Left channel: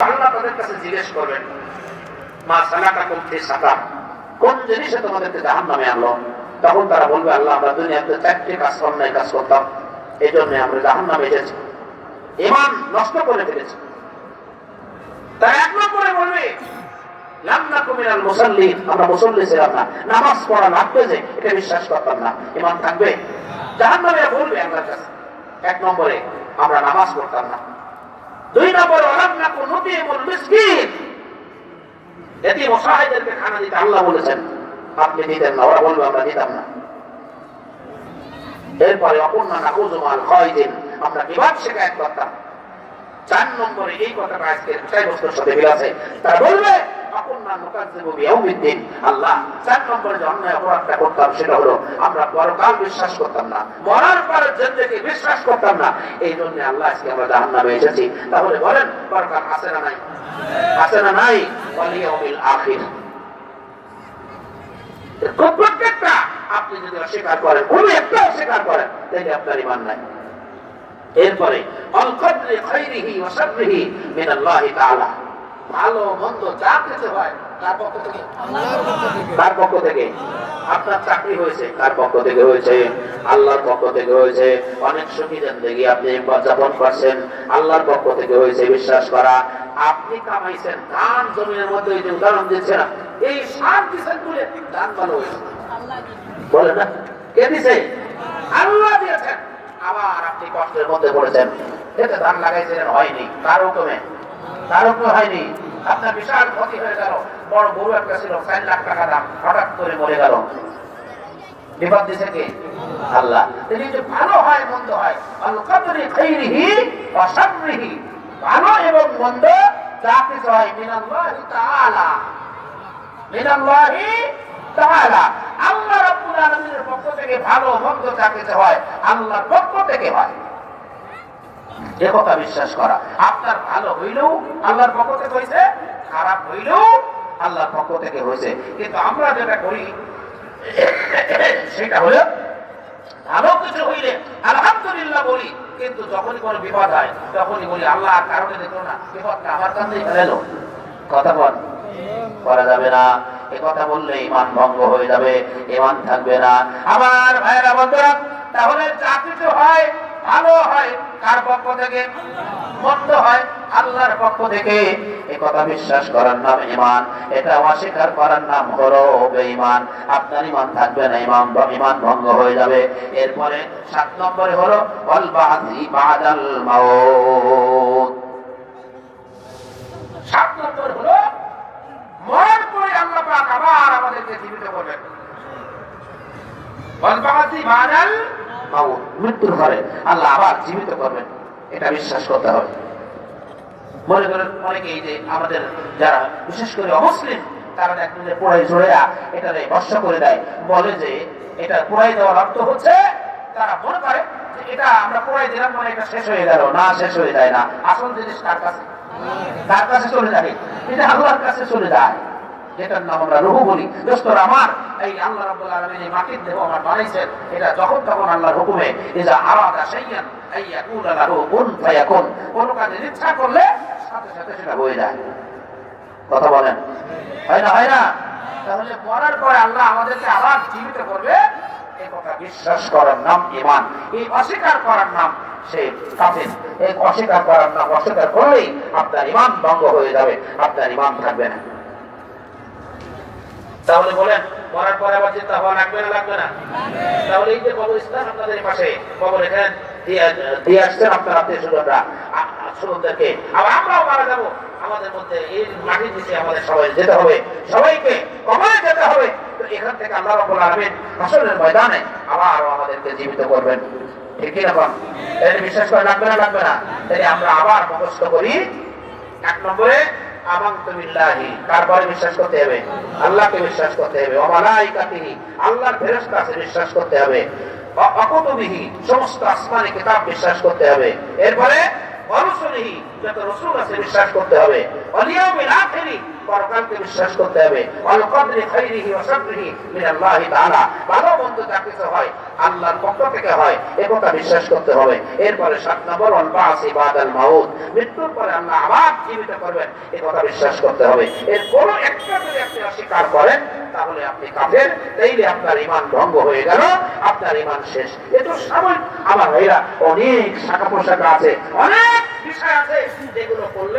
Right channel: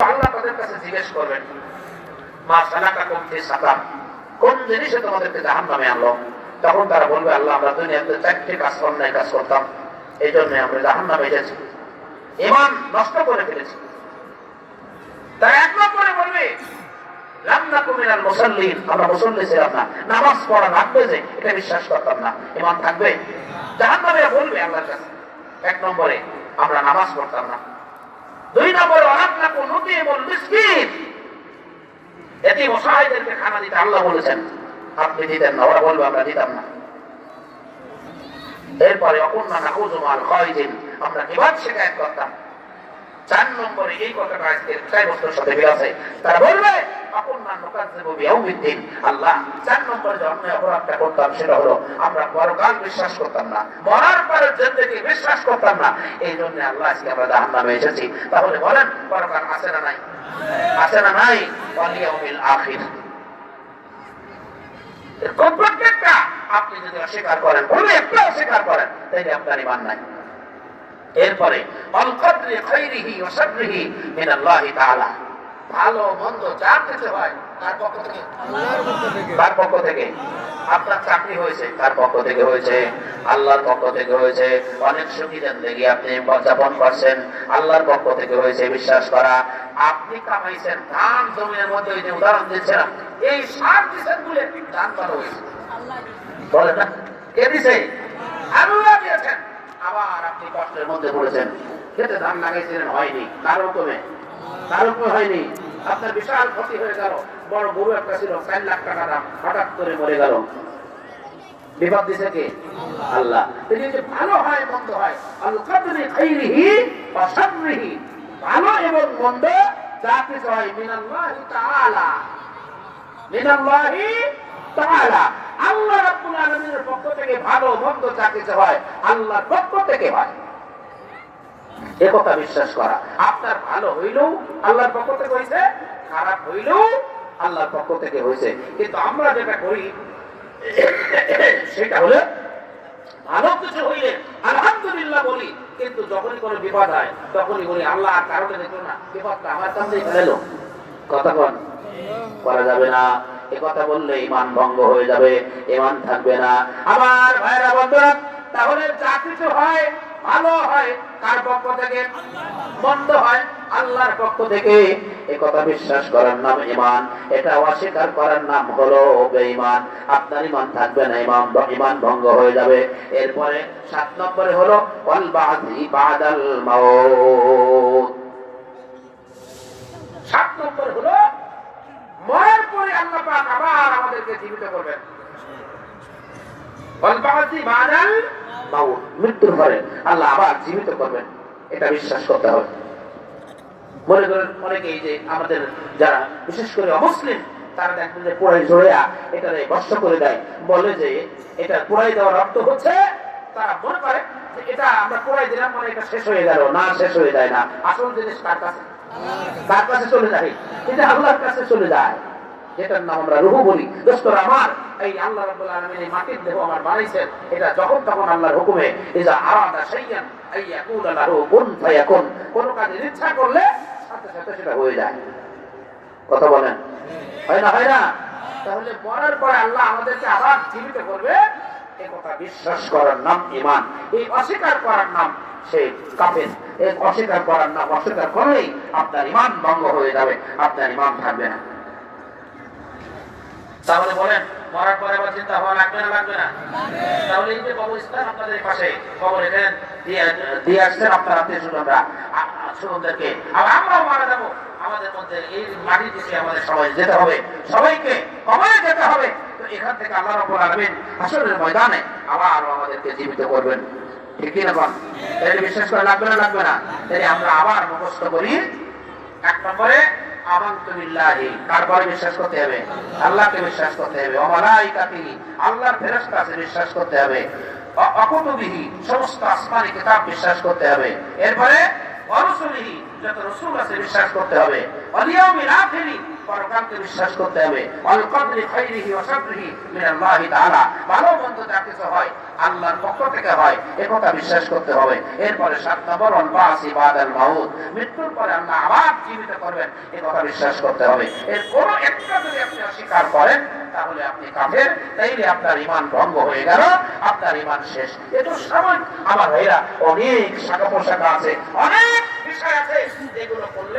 আল্লাহ তাদের কাছে জিজ্ঞেস করবেন, মা সালাকাকুম ফি সাকার, কোন জিনিসে তোমাদেরকে জাহান্নামে আনলো? তখন তারা বলবে, আল্লাহ আমরা দুনিয়াতে 4টি কাজ অন্যায় কাজ করতাম, এই জন্য আমরা জাহান্নামে এসেছি, ঈমান নষ্ট করে ফেলেছি। তারা এক নম্বরে বলবে, লাম নাকু মিনাল মুসাল্লিন, আমরা মুসল্লি ছিলাম না, নামাজ পড়া লাগবে যে এটা বিশ্বাস করতাম না, ঈমান থাকবে? জাহান্নামে বলবে আল্লাহর কাছে, এক নম্বরে আমরা নামাজ পড়তাম না। 2 নম্বরে ওয়ালাম নাকু নুতিমুল মিসকিন, এতিম অসহায়দেরকে খানা দিতে আল্লাহ বলেছেন, আপনি দিতেন না, ওরা বলবে আমরা দিতাম না। এরপরে অকুন্না নাকুযু মাল খায়দিন, আমরা কিভাব শিকায়ত করতাম। 4 নম্বরে এই কথাটা আজকে বিষয়বস্তুর সাথে মিল আছে, তারা বলবে অকুন্না নুকাযযিবু বিয়াউমিদ্দিন, আল্লাহ 4 নম্বরে যে অন্যায় অপরাধটা করতাম সেটা হলো আমরা পরকাল বিশ্বাস করতাম না, মরার পরে জিন্দেগি বিশ্বাস করতাম না, এই জন্য আল্লাহ আজকে আমরা জাহান্নামে এসেছি। তাহলে বলেন পরকাল আছে না নাই? আছে না নাই? ওয়াল ইয়াউমিল আখির, প্রত্যেকটা আপনি যদি অস্বীকার করেন, কোনো একটা অস্বীকার করেন, তাহলে আপনার ঈমান নাই। এরপরে আল কদরি খাইরিহি ওয়া শাররিহি মিনাল্লাহি তাআলা, ভালো মন্দ যা কিছু হয় তার পক্ষ থেকে, আল্লাহর পক্ষ থেকে। তার পক্ষ থেকে। আপনার চাকরি হয়েছে তার পক্ষ থেকে হয়েছে, আল্লাহর পক্ষ থেকে হয়েছে। অনেক সুখী জিন্দেগি আপনি যাপন করছেন, আল্লাহর পক্ষ থেকে হয়েছে, বিশ্বাস করা। আপনি কামাইছেন ধান জমিনের মধ্যে, ওই যে উদাহরণ দিচ্ছিলাম, এই সার দিচ্ছেন বলে ধান ভালো হয়েছে, বলে না? কে দিছে? আল্লাহ দিয়েছেন। আবার আপনি কষ্টের মধ্যে পড়েছেন, খেতে ধান লাগাইছিলেন, হয়নি, কারো কমে হয়নি, আপনার বিশাল ক্ষতি হয়ে গেল। বড় গরু একটা ছিল 4 লাখ টাকা দাম, হঠাৎ করে মরে গেল, বিপদ দিছে কে? আল্লাহ। এই যে ভালো হয় মন্দ হয়, আল কদরি খাইরিহি ওয়া শাররিহি, ভালো এবং মন্দ যা কিছু হয় মিনাল্লাহি তাআলা, মিনাল্লাহি তাআলা, আল্লাহ রাব্বুল আলামিনের পক্ষ থেকে ভালো মন্দ যা কিছু হয় আল্লাহর পক্ষ থেকে হয়, এ কথা বিশ্বাস করা। আপনার ভালো হইলেও আল্লাহর পক্ষ থেকে হয়েছে, খারাপ হইলেও আল্লাহর পক্ষ থেকে হয়েছে। কিন্তু আমরা যেটা করি সেটা হলো ভালো কিছু হইলে আলহামদুলিল্লাহ বলি, কিন্তু যখনই কোনো বিপদ হয় তখনই বলি আল্লাহ কারণে দেখো না, বিপদটা আমার কাছেই ফেলো। কথা বলা যাবে না, এ কথা বললে ঈমান ভঙ্গ হয়ে যাবে, ঈমান থাকবে না। আবার ভাইরা বন্ধুরা, তাহলে যা কিছু হয় ভালো হয় কার পক্ষ থেকে, মন্দ হয় আল্লাহর পক্ষ থেকে, এ কথা বিশ্বাস করার নাম ঈমান, এটা অস্বীকার করার নাম হলো বেঈমান। আপনার ঈমান থাকবে না, ঈমান ভঙ্গ হয়ে যাবে। এরপরে 7 নম্বরে হলো ওয়াল বা'দি বা'দাল মাউত, 7 নম্বর হলো মরার পরে আল্লাহ পাক আবার আমাদেরকে জীবিত করবেন। ওয়াল বা'দি বা'দাল মাউত, মৃত্যুর পরে আল্লাহ আবার জীবিত করবেন, এটা বিশ্বাস করতে হবে। মনে করেন অনেকেই যে আমাদের যারা বিশেষ করে অমুসলিম, তারা দেখেন যে পোড়াই ঝোড়া এটা নষ্ট করে দেয়, বলে যে এটা পোড়াই দেওয়ার অর্থ হচ্ছে, তারা মনে করে যে এটা আমরা পোড়াই দিলাম মানে এটা শেষ হয়ে গেল। না, শেষ হয়ে যায় না, আসল জিনিস কার কাছে চলে যায়, এটা আল্লাহর কাছে চলে যায়, যেটার নাম আমরা রূহ বলি। দোস্তরা আমার, এই আল্লাহ রাব্বুল আলামিন এই মাটির দেহ আমার বানাইছেন, এটা যখন তখন আল্লাহর হুকুমে ইজা আরাদা শাইয়ান আইয়াকুলা লাহু কুন ফায়াকুন, কোন কাজের ইচ্ছা করলে সাথে সাথে সেটা হয়ে যায়। কথা বলেন, হয় না? তাহলে মরার পরে আল্লাহ আমাদেরকে আবার জীবিত করবে, এই কথা বিশ্বাস করার নাম ঈমান। এই অস্বীকার করার নাম সে কাফের। এই অস্বীকার করার নাম, অস্বীকার করলেই আপনার ঈমান ভঙ্গ হয়ে যাবে, আপনার ঈমান থাকবে না। তাহলে বলেন মরার পরে আবার চিন্তা হওয়া লাগবে না? লাগবে না? তাহলে এই যে কবরস্থান আপনাদের পাশে, কবর এখানে দিয়ে আসছেন আপনার আত্মীয় স্বজনদেরকে, আবার আমরাও মারা যাবো, আমাদের মধ্যে এই মাটির দিকে আমাদের সবাই যেতে হবে, সবাইকে কবরে যেতে হবে। তো এখান থেকে আল্লাহ রাব্বুল আলামিন হাসরের ময়দানে আবার আমাদেরকে জীবিত করবেন, ঠিক কি না? এর বিশ্বাস করে লাগবে না? লাগবে না? তাই আমরা আবার মুখস্থ করি। 1 নম্বরে আমানতু বিল্লাহি, কারবার বিশ্বাস করতে হবে, আল্লাহকে বিশ্বাস করতে হবে। ওয়া মালাইকাতিহি, আল্লাহর ফেরেশতা আছে বিশ্বাস করতে হবে। ওয়া কুতুবিহি, সমস্ত আসমানি কিতাব বিশ্বাস করতে হবে। এরপরে ওয়া রাসূলিহি, যত রাসূল আছে বিশ্বাস করতে হবে, ওয়াল ইয়াউমিল আখিরি, পরকালকে বিশ্বাস করতে হবে, ওয়াল কদরি খাইরিহি ওয়া শাররিহি মিনাল্লাহি তাআলা, ভালো মন্দ যা কিছু হয় আল্লাহর পক্ষ থেকে হয় এ কথা বিশ্বাস করতে হবে। এরপরে 7 নম্বর ওয়াল বাসি বাদাল মাউত, মৃত্যুর পরে আল্লাহ আবার জীবিত করবেন এ কথা বিশ্বাস করতে হবে। এর কোনো একটা যদি আপনি অস্বীকার করেন তাহলে আপনি কাফের, তাইলে আপনার ঈমান ভঙ্গ হয়ে গেল, আপনার ঈমান শেষ। এত সামান্য আমার ভাইরা অনেক শাখা পোশাখা আছে, অনেক বিষয় আছে যেগুলো করলে